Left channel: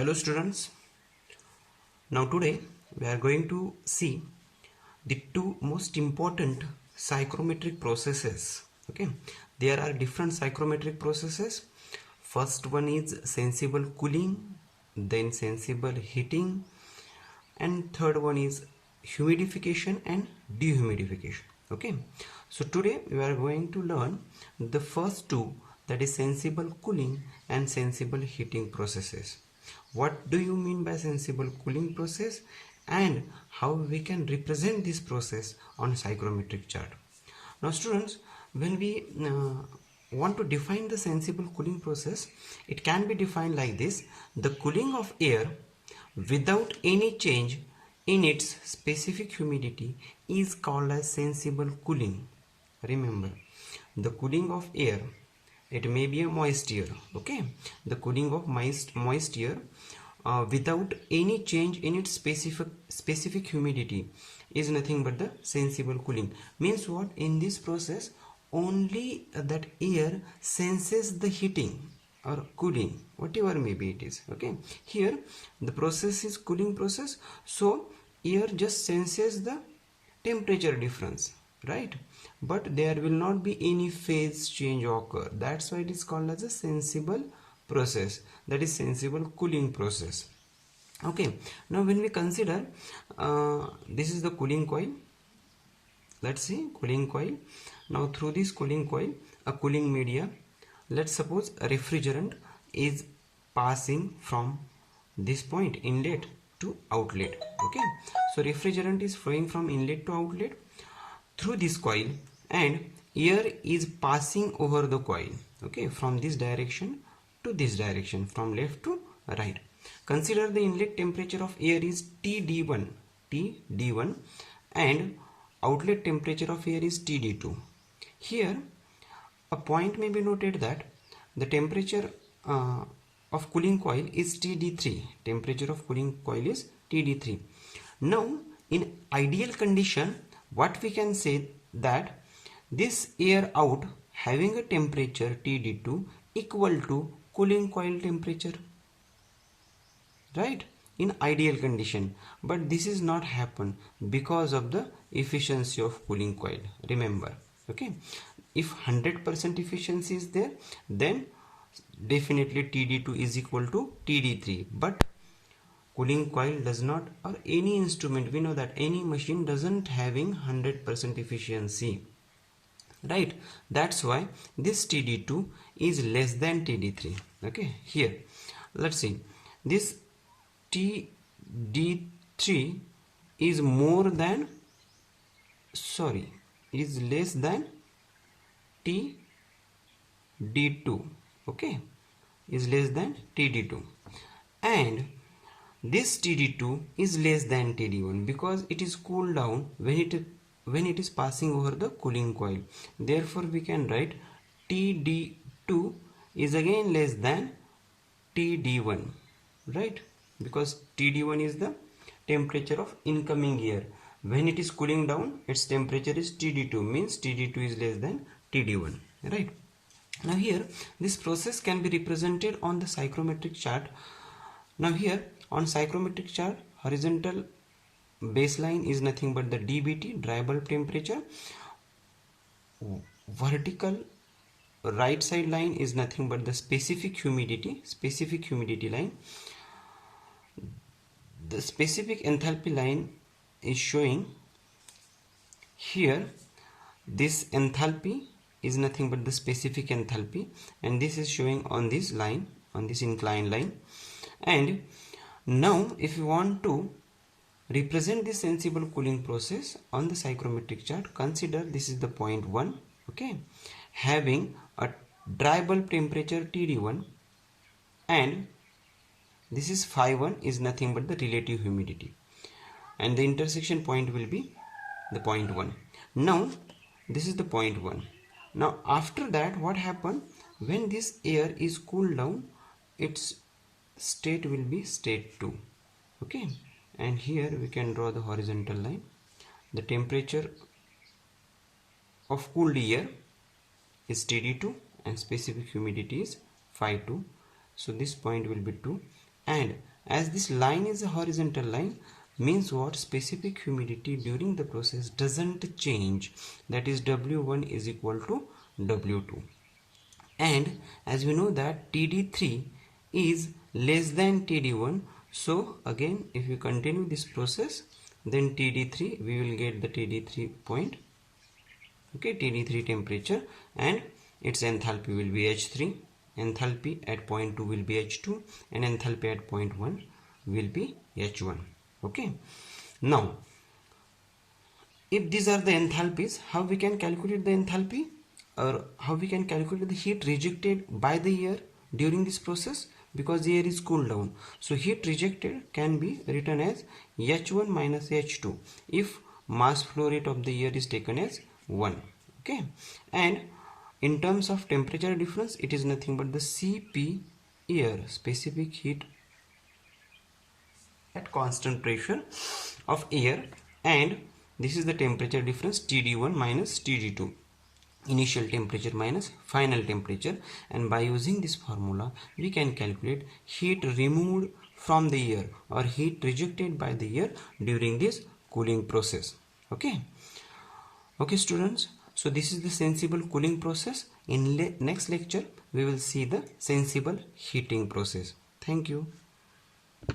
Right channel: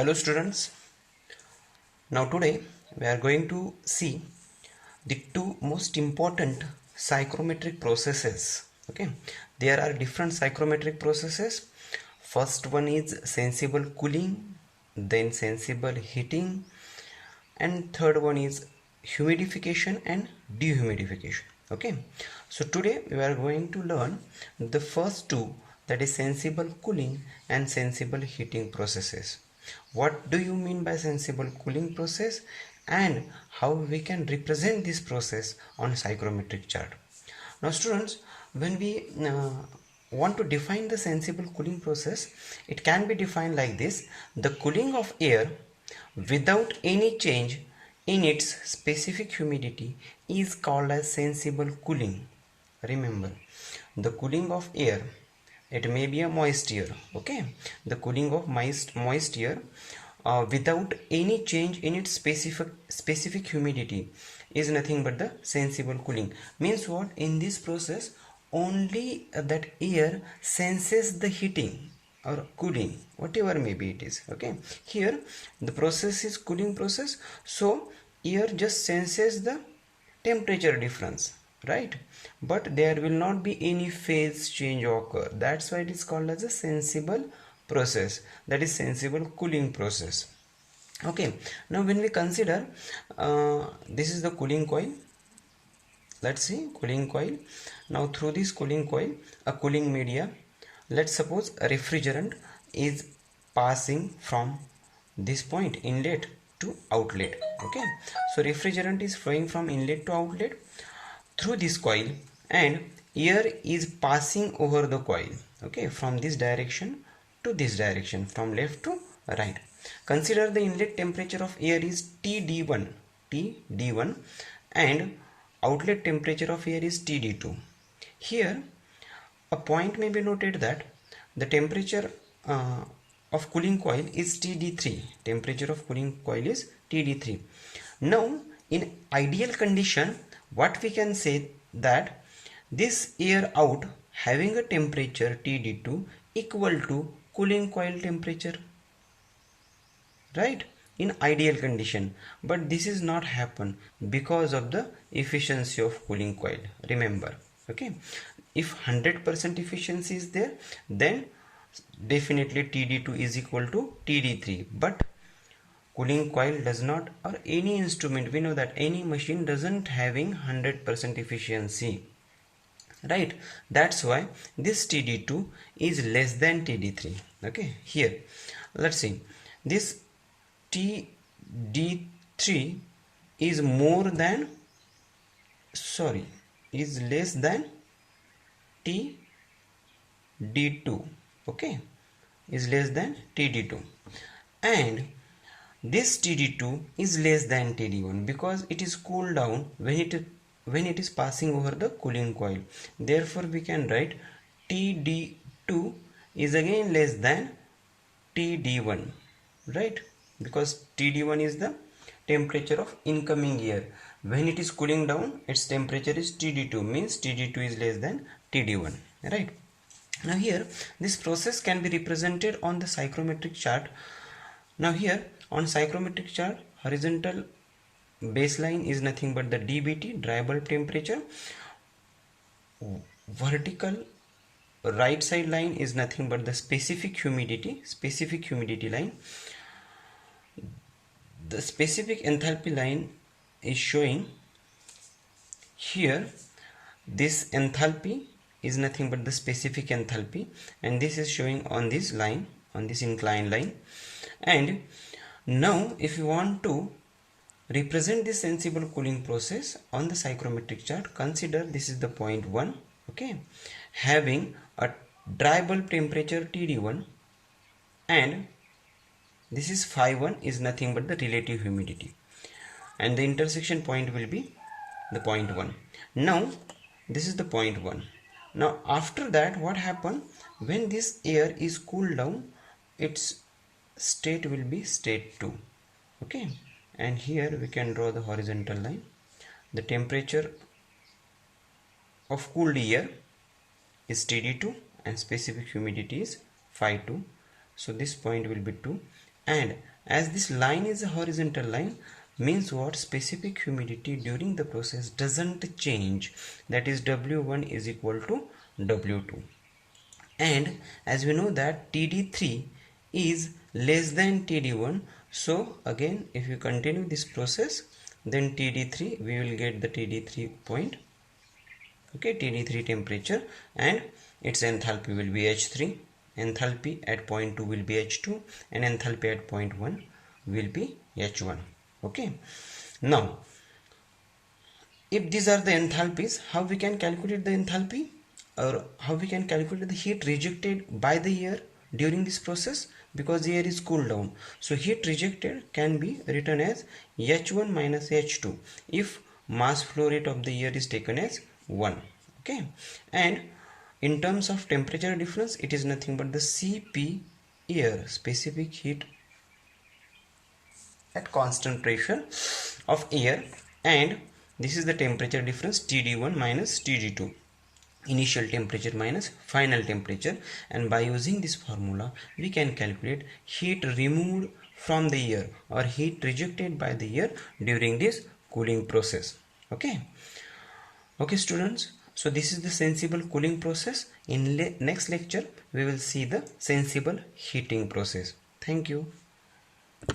Hello students, now today we are going to see the two most important psychrometric processes. Okay, there are different psychrometric processes. First one is sensible cooling, then sensible heating, and third one is humidification and dehumidification. Okay, so today we are going to learn the first two, that is sensible cooling and sensible heating processes. What do you mean by sensible cooling process and how we can represent this process on psychrometric chart? Now students, when we want to define the sensible cooling process, it can be defined like this: the cooling of air without any change in its specific humidity is called as sensible cooling. Remember, the cooling of air, it may be a moist air. Okay, the cooling of moist air without any change in its specific humidity is nothing but the sensible cooling. Means what? In this process only that air senses the heating or cooling, whatever maybe it is. Okay, here the process is cooling process, so air just senses the temperature difference, right? But there will not be any phase change occur. That's why it is called as a sensible process, that is sensible cooling process. Okay, now when we consider this is the cooling coil. Let's see, cooling coil. Now through this cooling coil, a cooling media, let's suppose a refrigerant is passing from this point, inlet to outlet. Okay, so refrigerant is flowing from inlet to outlet through this coil, and air is passing over the coil. Okay, from this direction to this direction, from left to right. Consider the inlet temperature of air is TD1 and outlet temperature of air is TD2. Here a point may be noted that the temperature of cooling coil is TD3. Temperature of cooling coil is TD3. Now in ideal condition, what we can say that this air out having a temperature TD2 equal to cooling coil temperature, right? In ideal condition, but this is not happen because of the efficiency of cooling coil. Remember, okay, if 100% efficiency is there, then definitely TD2 is equal to TD3, but cooling coil does not, or any instrument, we know that any machine doesn't having 100% efficiency, right? That's why this TD2 is less than TD3. Okay, here let's see, this TD3 is more than, sorry, is less than TD2. Okay, is less than TD2, and this TD2 is less than TD1 because it is cooled down when it is passing over the cooling coil. Therefore we can write TD2 is again less than TD1, right? Because TD1 is the temperature of incoming air. When it is cooling down, its temperature is TD2, means TD2 is less than TD1, right? Now here this process can be represented on the psychrometric chart. Now here on psychrometric chart, horizontal baseline is nothing but the DBT, dry bulb temperature. Vertical right side line is nothing but the specific humidity line. The specific enthalpy line is showing here. This enthalpy is nothing but the specific enthalpy, and this is showing on this line, on this inclined line. And now if you want to represent this sensible cooling process on the psychrometric chart, consider this is the point 1, okay, having a dry bulb temperature TD1, and this is phi 1 is nothing but the relative humidity, and the intersection point will be the point 1. Now this is the point 1. Now after that, what happened when this air is cooled down, its state will be state 2. Okay, and here we can draw the horizontal line. The temperature of cooled air is TD2 and specific humidity is phi 2. So this point will be 2, and as this line is a horizontal line, means what? Specific humidity during the process doesn't change, that is W1 is equal to W2. And as we know that TD3 is less than TD1, so again if you continue this process, then TD3 we will get the TD3 point, okay, TD3 temperature, and its enthalpy will be H3, enthalpy at point 2 will be H2, and enthalpy at point 1 will be H1. Okay, now if these are the enthalpies, how we can calculate the enthalpy, or how we can calculate the heat rejected by the air during this process? Because the air is cooled down, so heat rejected can be written as H1 minus H2 if mass flow rate of the air is taken as 1. Okay, and in terms of temperature difference, it is nothing but the Cp air, specific heat at constant pressure of air, and this is the temperature difference TD1 minus TD2, initial temperature minus final temperature, and by using this formula we can calculate heat removed from the air or heat rejected by the air during this cooling process. Okay students, so this is the sensible cooling process. In next lecture we will see the sensible heating process. Thank you.